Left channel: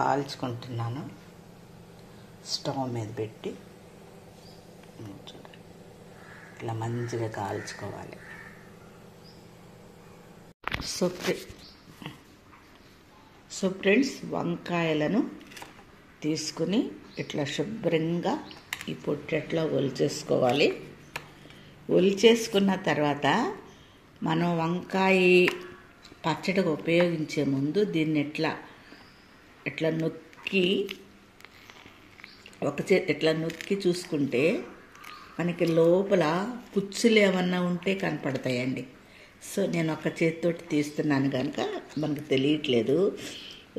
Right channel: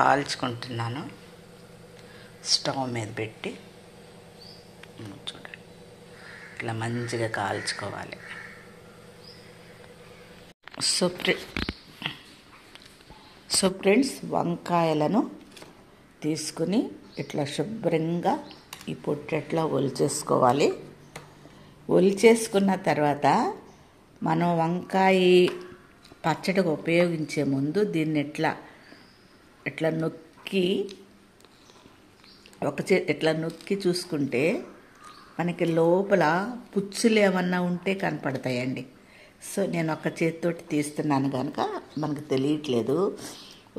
కాల్చుకుంటున్నాను stove మీద పెట్టి. చూడండి, ఇట్లా మంచిగా కాల్చుకోవాలి. సో ఫ్రెండ్స్, వంకాయలను తీసుకుని ఇట్లా శుభ్రంగా ఈ పొట్టెట్లో ఒలిచేసుకోవాలి. ఒలిచేసుకున్న తర్వాత మనం వంకాయ పచ్చడికి ఉపయోగించే ముందు దీన్ని ఇట్లా నొక్కి ఇట్లా నొక్కి చూసుకుంటే మనకి లోపల పుచ్చులు ఏమన్నా ఉంటే కనపడతాయండి. సో నేను ఒక చేతితోటి తీస్తున్నాను కనుక మనకు తెలియట్లేదు.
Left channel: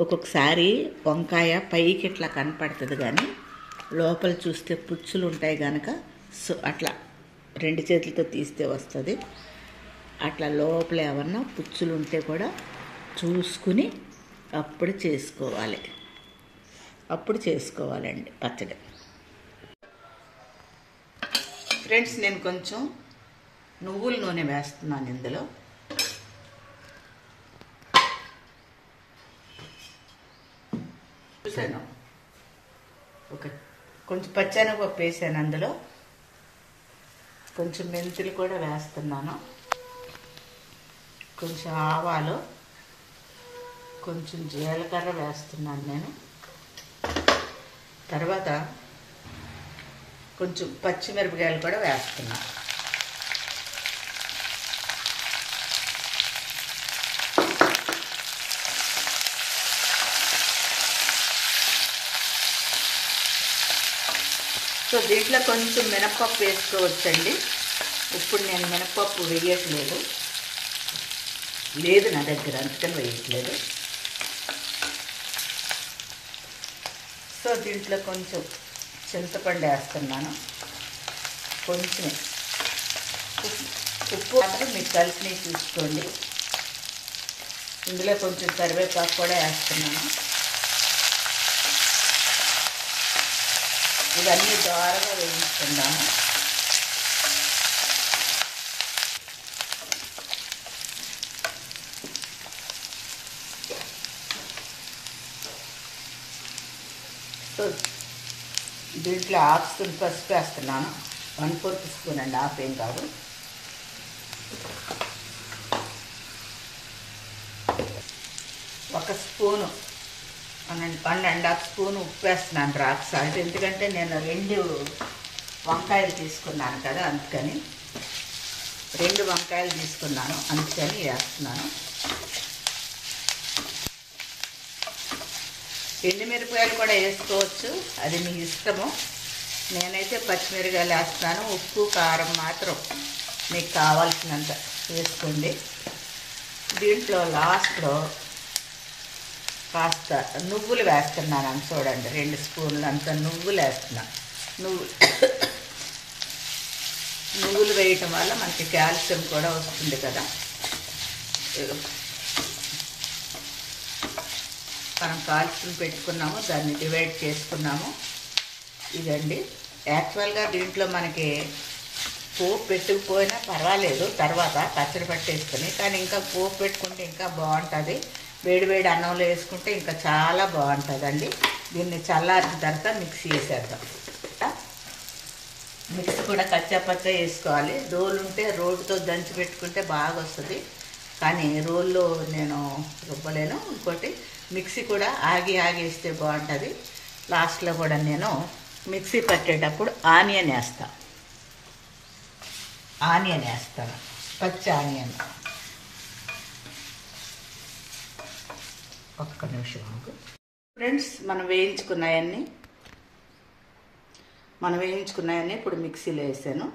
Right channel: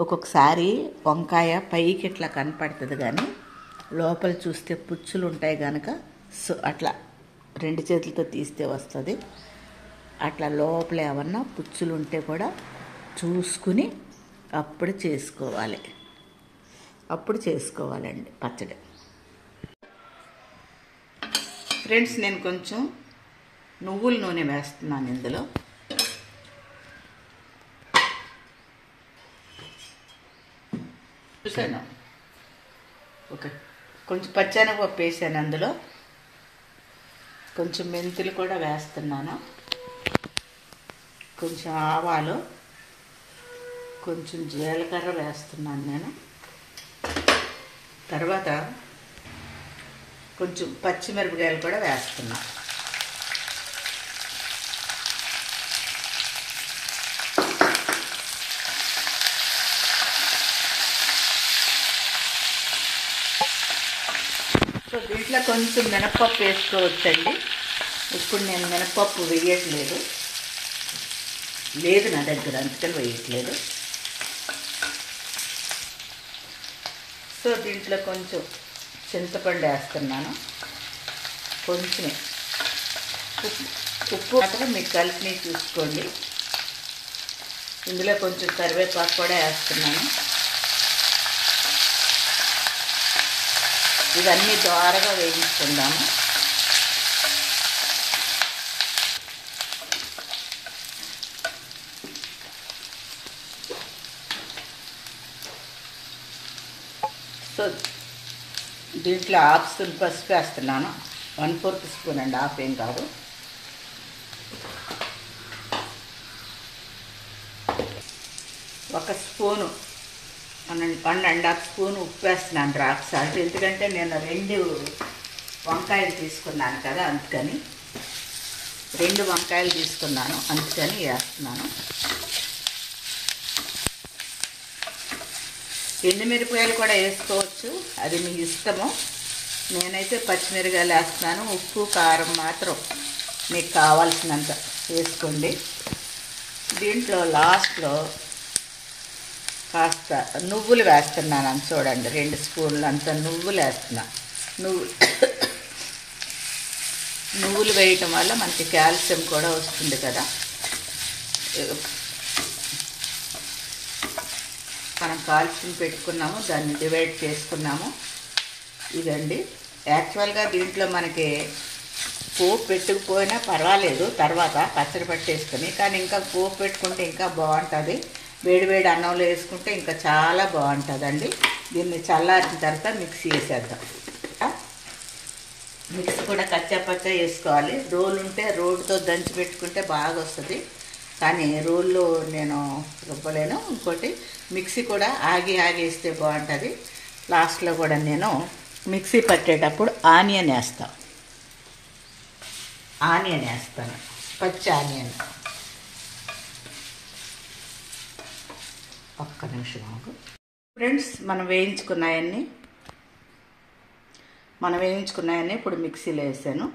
ఒక్కొక్కసారి వంకాయ పైకి ఇట్లా కనపడుతుంది, కానీ లోపల చూస్తే పుచ్చులు ఉంటాయి కనుక సో అట్లా 2 చేతులతో తీస్తే వస్తుంది. అట్లా లోపల ఏమన్నా పుచ్చులు ఉంటే కూడా చూసుకుని అప్పుడు చేసుకోవాలండి పచ్చడి. ఫ్రెండ్స్, నేను కొంచెం నువ్వుల నూనె వేస్తున్నాను ఇందులో. చూసాను, కొంచెం పచ్చెనగపప్పు వేసాను, అందులో కొంచెం మెంతులు కూడా వేస్తున్నాను, కొంచెం ఆవాలు, కొంచెం జీలకర్ర వేస్తున్నాను నేను. తర్వాత కొంచెం పచ్చిమిరపకాయలు కూడా వేస్తున్నాను. సో దీంట్లో కొంచెం మినపప్పు వేసుకోవచ్చండి. ఇప్పుడు నేను మినపప్పు వేయట్లేదు, లేదు నా దగ్గర, అందుకని వేయట్లేదు. సో దీంట్లో కొంచెం చింతపండు వేస్తున్నాను, కొంచెమే ఉప్పు మాత్రం మీకు కలిసి చూసుకోండి. ఇందులో కొంచెం కరివేపాకు కూడా వేస్తున్నాను. ఇవన్నీ ద్వారగా వేయించుకుందాము. సో దీంట్లో 1/2 స్పూన్ పసుపు వేస్తున్నాను. 1/4 స్పూన్ అండి, 1/2 ఏం కాదు. ఒక స్పూను 1.5 స్పూన్ ఉప్పు వేస్తున్నాను, రాక్ సాల్ట్. ఎందుకంటే నేను 2 వంకాయలు తీసుకున్నాను కదా, అందుకని 2 వంకాయలు తీసుకున్నాను, అందుకని వేస్తున్నాను. ఎండుమిరపకాయలు కూడా వేసుకోవచ్చు, అది మీ ఇష్టము. నేనైతే పచ్చిమిరపకాయలు వేస్తున్నాను. ఉప్పు కారం మాత్రం మీకు కావాల్సినంత వేసుకోండి. దీంట్లో లాస్ట్లో కాస్త నువ్వులు వేస్తున్నాను, చూడండి, 2 స్పూన్లు అంత నువ్వులు వేస్తున్నా. నువ్వులు వేయటం వల్ల మనకి కాల్షియం కూడా వస్తుంది కదా. మనం కాల్చుకుని పెట్టుకున్నాము, దాన్ని డివైడ్ చేసుకున్నాము. ఇదండి యాక్చువల్గా దీంట్లో మనకి పోపు పెట్టుకుపోయినా పర్వాలేదు, తర్వాత పచ్చడి పట్టేసుకుని, కానీ ఇంకా పోపు పెట్టుకుంటే ఇంకా బాగుంటుంది. వేడివేడి అన్నంలో వేసుకుంటే ఇంకా చాలా బాగుంటుందండి. దీన్ని చల్లారిన తర్వాత మిక్సీ వేసేద్దాం. మిక్సీ కూడా కచ్చాపచ్చ వేసుకోవాలి. రోలు ఉంటే రోడ్డుతో దంచి పెట్టుకుంటే బాగా వస్తుంది, కానీ రోల్లో నేను రుబ్బలేను. ఇంకోటి మిక్సీ కూడా ఆగి వేస్తే బాగుంటుంది. లాస్ట్లో కూడా నేను మిక్సీ పట్టేటప్పుడు ఆనియన్ వేస్తాను, పచ్చి ఆనియన్. ఒక్క నిమిషం ఆగు ఫ్రెండ్స్. మనం వేయించుకున్నాయన్ని ఇప్పుడు మిక్సీలో వేసాను.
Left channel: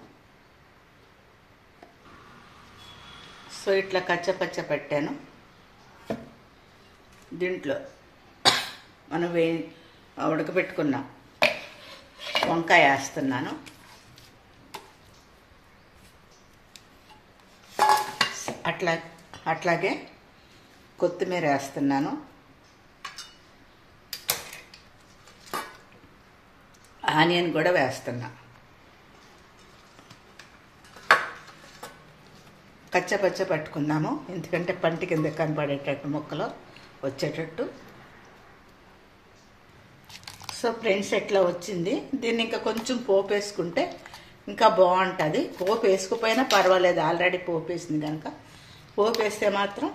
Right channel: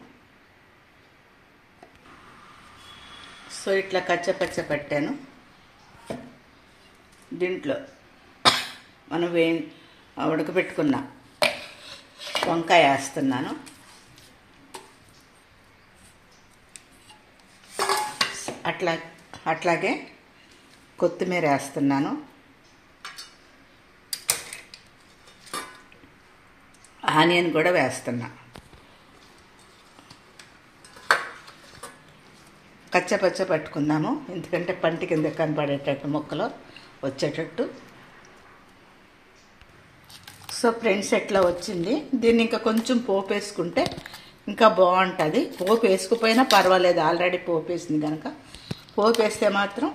సో ఇట్లా కచ్చపచ్చ పెట్టాను. దీంట్లో మనం ఉడకబెట్టుకున్న వంకాయ వేస్తున్నాను. అట్లాగే కొత్తిమీర వేస్తున్నాను. ఆనియన్ కూడా వేస్తున్నా. కచ్చపచ్చ పట్టుకుందాము, ఎందుకంటే పంటి కింద కనపడేటట్టు ముక్కలు వచ్చేటట్టు. సో ఫ్రెండ్స్ ఎట్లా వచ్చింది. దీన్ని ఇంకా కొంచెం పోపు వేసుకుంటే ఇంకా బాగుంటుంది. పోపు వేసుకుపోయినా పర్వాలేదు, ఆల్రెడీ పోపు వేసింది కనుక. పోపు వేస్తే మాత్రం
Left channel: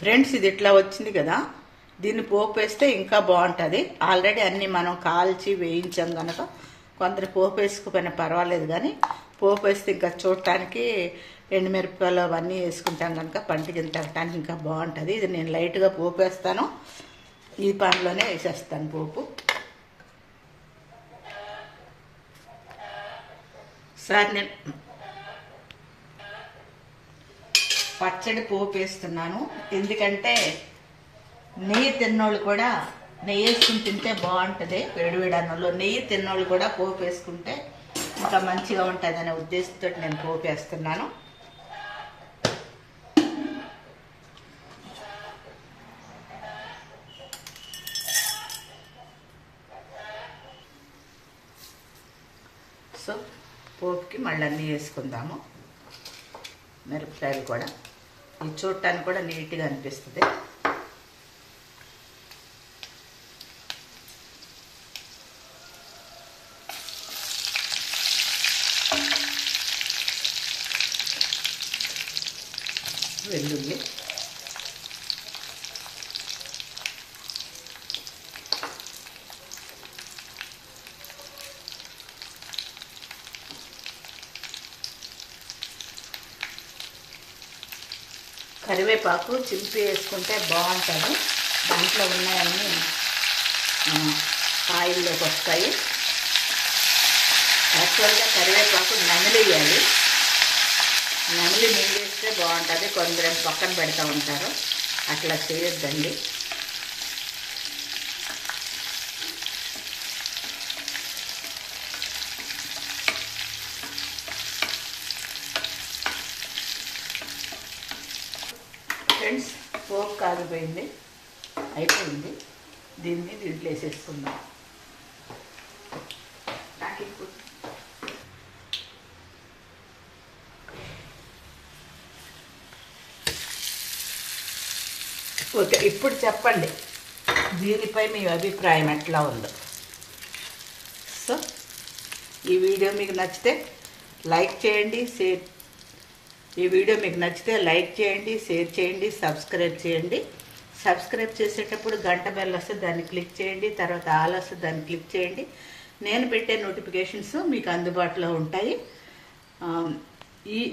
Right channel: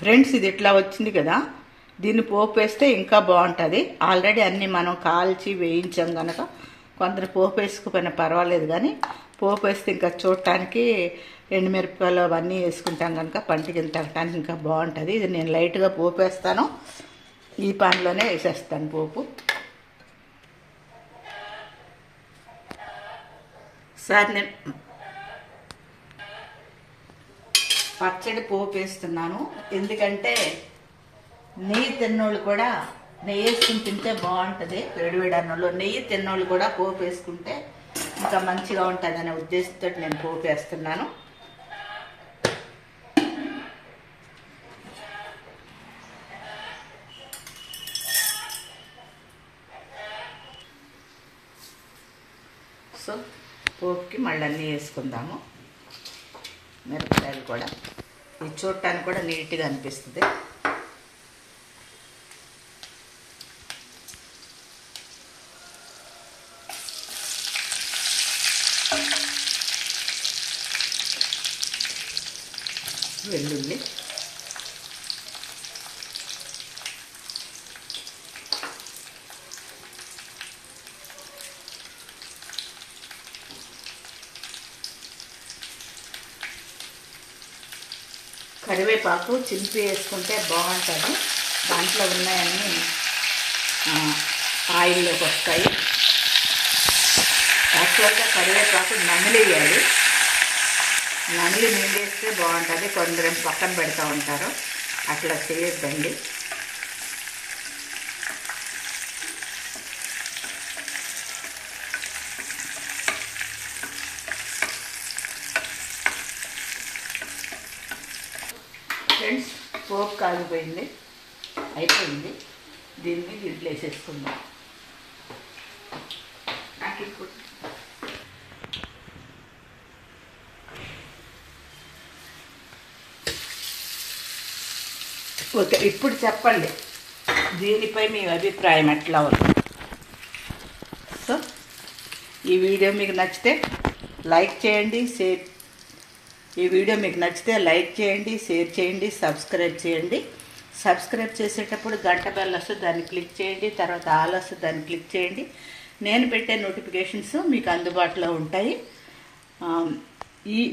ఫ్రెండ్స్ ఇది ఇట్లా వచ్చింది కదా, దీన్ని పోపు వేస్తే ఇంకా బాగుంటుంది. ఆల్రెడీ అన్నీ మనం కాల్చి వేయించాం కనుక కొందరు పోపు వేసుకుపోయినా పర్వాలేదు, కానీ పోపు వేస్తే ఇంకా చూడటానికి ఎండుమిరపకాయలు అవన్నీ వేసుకుంటాం కనుక పంటికి తగ్గటానికి ఇంకా బాగుంటుంది. ఇది నేను లైట్గా పోపు వేస్తాను, ఈ పాన్లోనే వేసేస్తాను పోపు. సార్ నేను పచ్చడి పోపు వేస్తున్నాను, ఎందుకంటే నెయ్యి తిన్నోళ్ళు కూడా నెయ్యి వేసుకుని తింటే బాగుంటుంది. వేడివేడి అన్నంలో నెయ్యి తిన్నోళ్ళు కూడా పోపు వేసుకుంటే ఇంకా మంచిగా ఉంటుంది అనే ఉద్దేశంతో నేను పోపు వేస్తున్నాను. సో పోపుకి మళ్ళీ అన్నీ వేసుకుందాము. మిరపకాయలు కూడా ఇది చూడటానికి కూడా నీట్గా అనిపిస్తుంది. వెల్లుల్లి, కరివేపాకు చింపి వేసుకుంటే బాగుంటుంది. దాంట్లో ఉన్నాయన్నీ ఆయిల్లోకి వస్తాయి. యాక్చువల్గా కరివేపాకు నమిలేయాలి, నమిలి మింగేస్తే బాగుంటుంది. కొందరు పక్కన పెడతా ఉంటారు, అట్లా చేయొద్దండి. ఫ్రెండ్స్ పోపు కాలిపోయింది, అయిపోయింది. దీన్ని దీంట్లో వేసేసుకుందాం. ఓకే, ఇప్పుడు చెప్పండి దీనిపై మీ అభిప్రాయం ఎట్లా ఉంది. సో ఈ వీడియో మీకు నచ్చితే లైక్ చేయండి, షేర్ చేయండి, సబ్స్క్రైబ్ చేయండి. సబ్స్క్రైబ్ చేసేటప్పుడు గంట బెల్ వస్తుంది, దాన్ని క్లిక్ చేయండి. తర్వాత ఆల్ వస్తుంది, దాన్ని క్లిక్ చేయండి. నేను పెట్టే నోటిఫికేషన్స్ మీకు అందుబాటులో ఉంటాయి.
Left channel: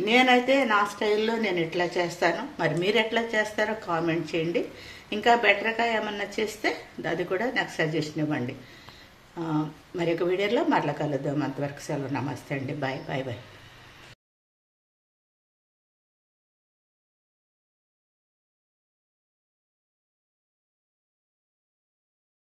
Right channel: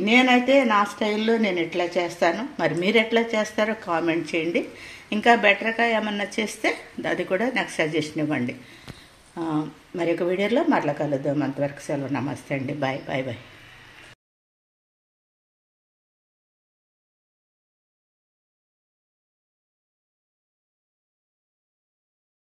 నేనైతే నా స్టైల్లో నేను ఎట్లా చేస్తాను, మరి మీరు ఎట్లా చేస్తారో కామెంట్ చేయండి. ఇంకా బెటర్గా ఏమన్నా చేస్తే అది కూడా నాకు సజెషన్ ఇవ్వండి. మరి ఒక వీడియోలో మరలా కలుద్దాం. అంతవరకు సెలవు. నమస్తే అండి. Bye bye bye.